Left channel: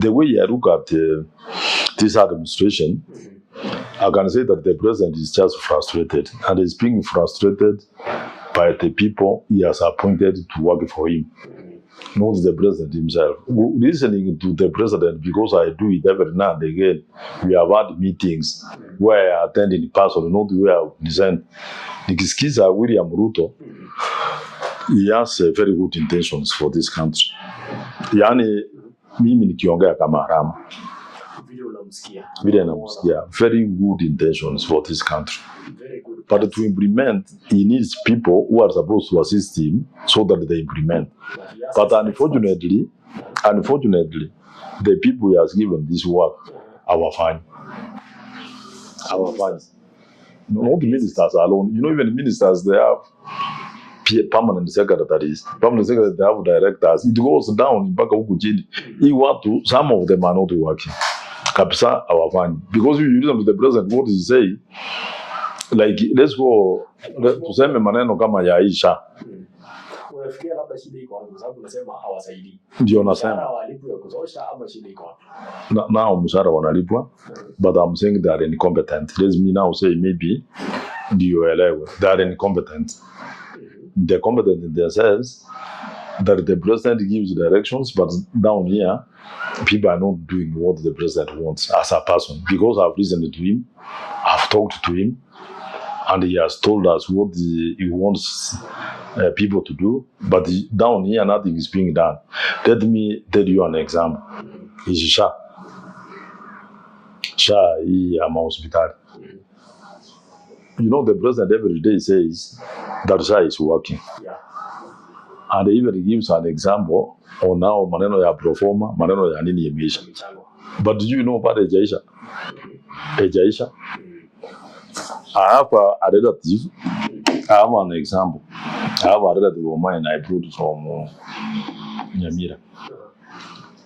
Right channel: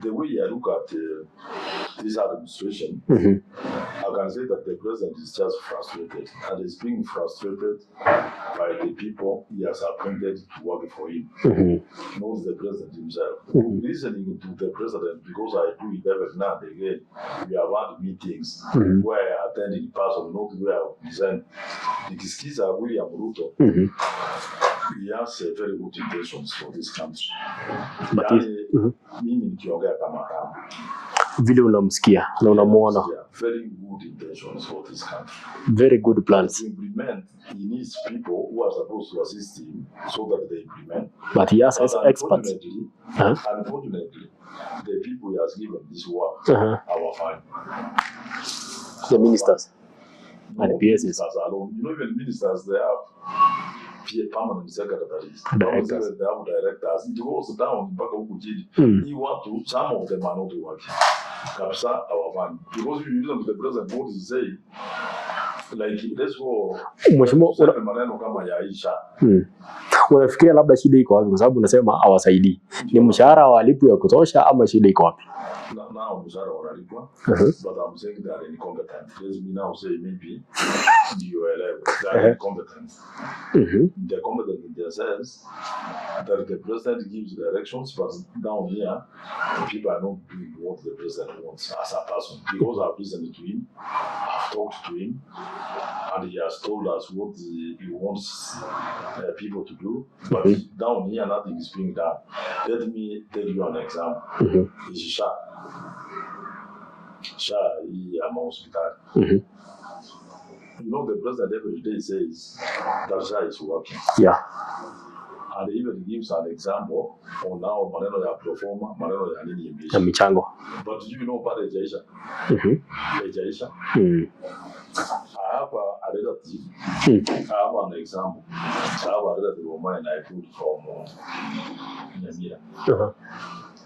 the way I look at this administration, I can say that the president is just frustrated, and he's being frustrated by the people he has appointed to work for him, not the president himself. Listening to the president, because I do it every now and again, we have had meetings where I attend in person, not where I present. Nikisikiza William Ruto, he has very good intentions for this country. Yani, mimi nikiongea kama Arama. Vile unamsikia, unamuona. Very good intentions for this country. Very good plans. But to implement, he needs people who are supposed to assist him so that they implement. But he has unfortunately, the people he has given this work are fine. The ministers? No, ministers alone. You know, even ministers, they have permanent secretaries. Permanent secretaries, they have directors. It goes down. Some of them are not working. Kapsa, our fine. Because you listen to the president, what is he saying? Like, let's go. Tuseme maneno kama ya SHA. Unafikiria labda shida iko wapi? Kwa sababu unasema hawasaidii. Mshahara walipwa ya kutosha ama shida iko wapi? Now mshahara wanalipwa, but I'm saying they are incompetent. Let me now say maybe they are incompetent. They're competent in their sense that the president gives directions, but down here, people are not doing what the president wants as a person. Because I've listened to him, I've talked to him, and he has told us what he wants people to do, but down here nothing is being done. Let me tell you an example. Is SHA. SHA is a hospital. You know, the president every day says that SHA is working. Yeah. And he even gives an example on now maneno ya proforma, maneno ya nini yemeisha. Michango. But do you know about Ejaisha? Ejaisha. I have a relative. I have an example. I have a relative of mine I brought from Nyamira.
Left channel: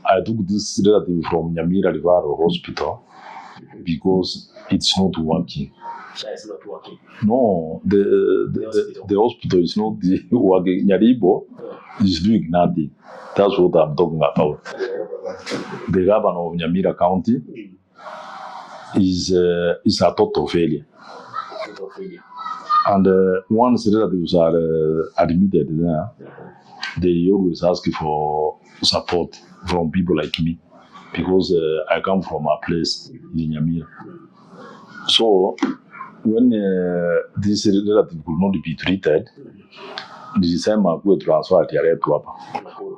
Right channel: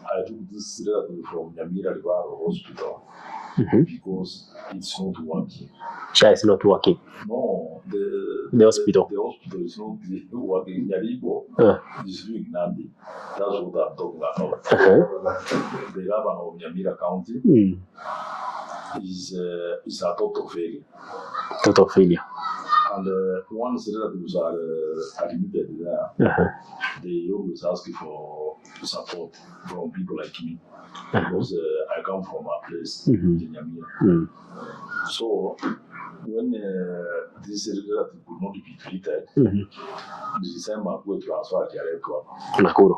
I took this relative from Nyamira River Hospital because it's not working. SHA is not working. No, the hospital. The hospital is not working. Nyaribo is doing nothing. That's what I'm talking about. The governor of Nyamira County is a total failure. Total failure. And once relatives are admitted there, they always ask for support from people like me because I come from a place in Nyamira. So when this relative could not be treated, the same I go transfer to Nakuru.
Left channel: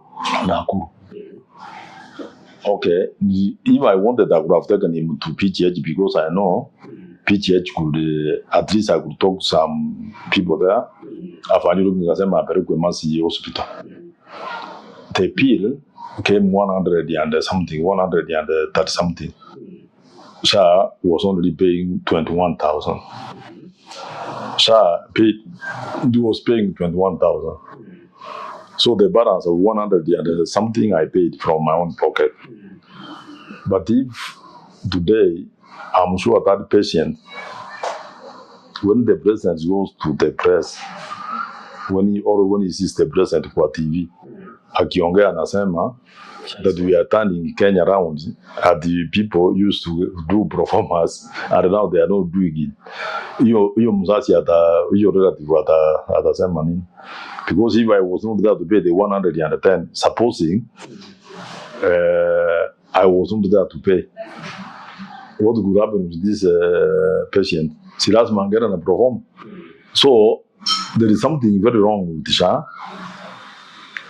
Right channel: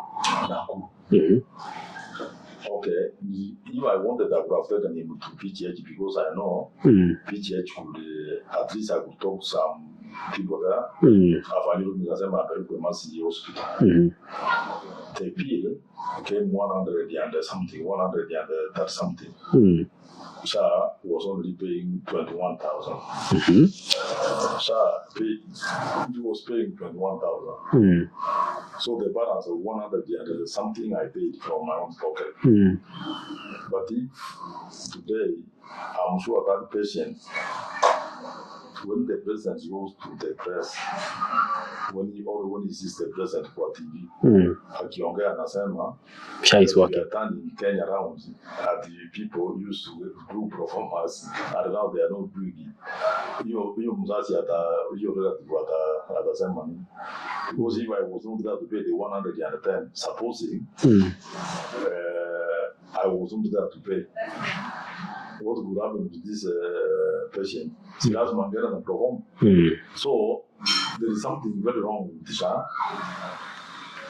Okay, if I wanted, I would have taken him to PGH because I know PGH could, at least I could talk to some people there. After you look at the hospital, the bill came 100 and something, 130 something. SHA was only paying 21,000. SHA was paying 21,000. So the balance of 100 and something I paid from my own pocket. But if today, I'm sure that patient, when the president goes to the press, when he sees the president for TV, akiongea anasema that we are turning Kenya around, and the people used to do performance, and now they are not doing it. Hiyo mzazi hiyo relative atasema nini? Because if I was not there to pay the 110, supposing I was not there to pay, what could happen with this patient? She last man get a perform. So there is something very wrong with SHA,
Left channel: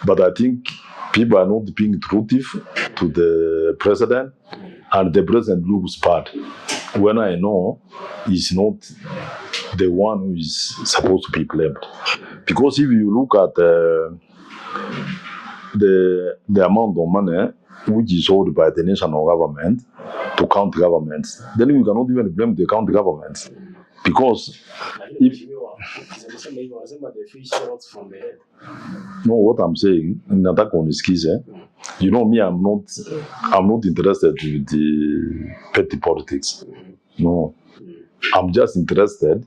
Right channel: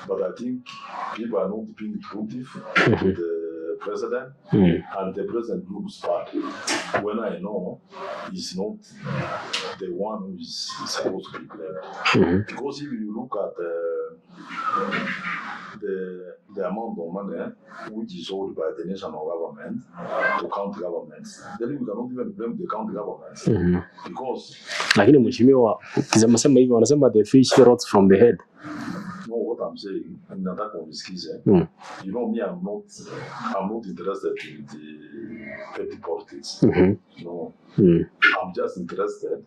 but I think people are not being truthful to the president, and the president looks bad when I know he's not the one who is supposed to be blamed. Because if you look at the amount of money which is owed by the national government to county governments, then we cannot even blame the county governments. Because lakini mheshimiwa ukisema hivyo wanasema the fish rots from the head. No, what I'm saying, nataka unisikize. You know me, I'm not interested with the petty politics. No. I'm just interested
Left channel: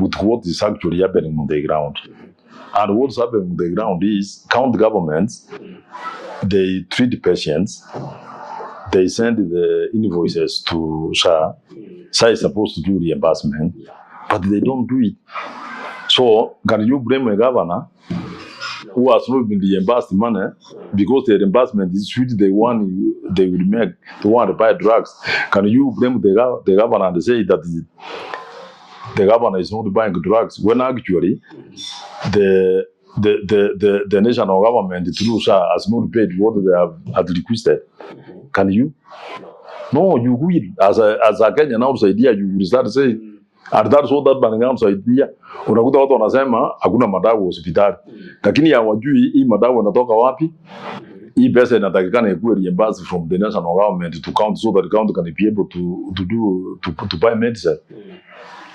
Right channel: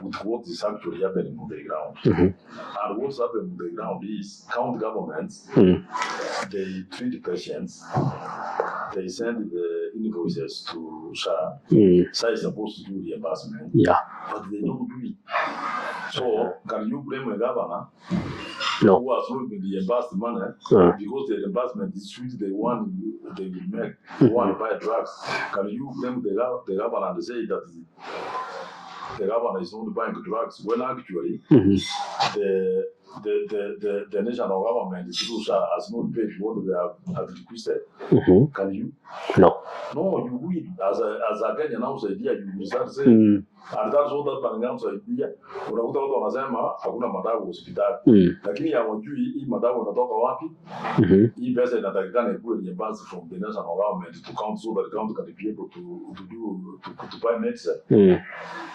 with what is actually happening on the ground. And what's happening on the ground is county governments, they treat patients they send the invoices to SHA. SHA is supposed to do reimbursement, but they don't do it. So can you blame a governor who has not been reimbursed money because the reimbursement is with the one they will make, the one to buy drugs? Can you blame the governor and say that the governor is not buying drugs when actually the national government through SHA has not paid what they have requested? Can you? No, you will. As a Kenyan outside here, you will start saying, and that's what that banning outside here. Unakuta watu wanasema hakuna madawa hospitali. Lakini hawajui hii madawa inatoka wapi. Hii pesa inatakikana ikuwe reimbursed from the national government to count so that the county can be able to buy medicine.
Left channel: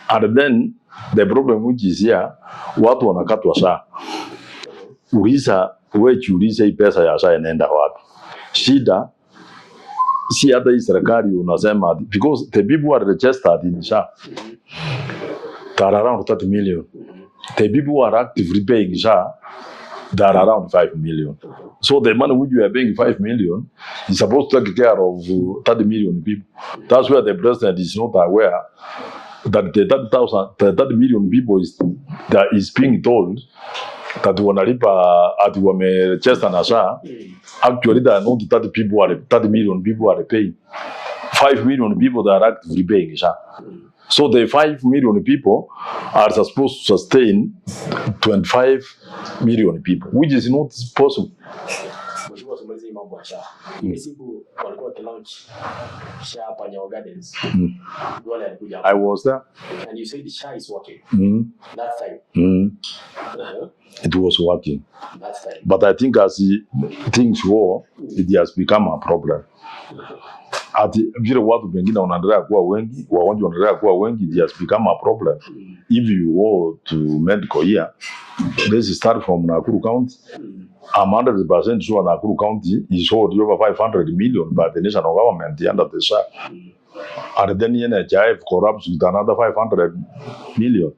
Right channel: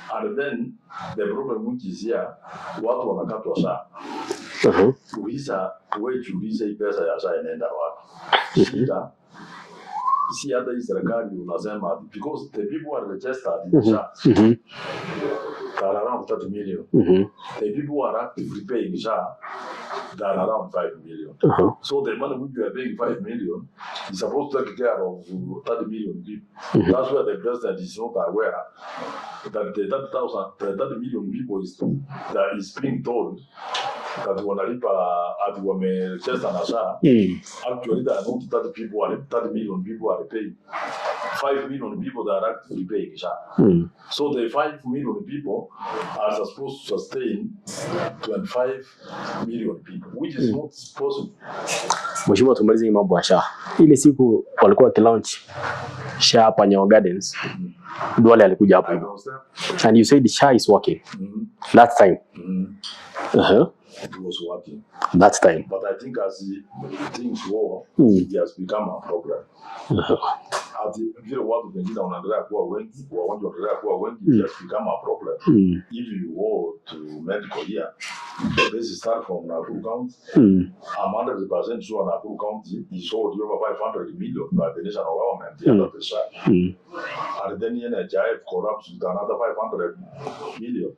And then the problem which is here, watu wanakatwa SHA. Uliza hii pesa ya SHA inaenda wapi? Shida si hata hii serikali unasema because the people who are registered in SHA they are around 30 million. The people who are actively paying SHA, they are around 5 million. So the money which you are paying 5 million is supposed to take care of 30 million people. That's where the president is not aware that the 30 million people is being told that wanalipa ati wamechesta na SHA. Actually there are not 30 million people are paying. 5 million people that are actively paying SHA. So the 5 million people are supposed to sustain 25 million people, which is not possible. Mheshimiwa, tumalize hii mambo ya SHA. Ile siku walikuwa launch SHA hapa Nyayo Gardens. Duale alikuja hapo. I was there. And you said SHA is working. That time. It was working. That time. But I think as things go, it has become a problem. Ati vile watu wengine wanaendelea kuwa wengi, wagonjwa wanaendelea kuwa wengi, it has become a problem. If you go to medical here, let's start from Nakuru County. I'm 100% sure Nakuru County is owed over 500 million by the national government under the SHA. And then NHIF corrupts with another 500 million.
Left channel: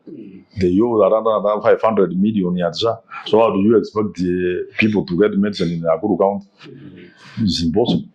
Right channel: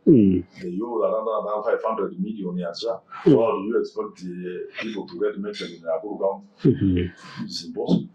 They owe another 500 million at SHA. So how do you expect the people to get medicine in Nakuru County? It's impossible.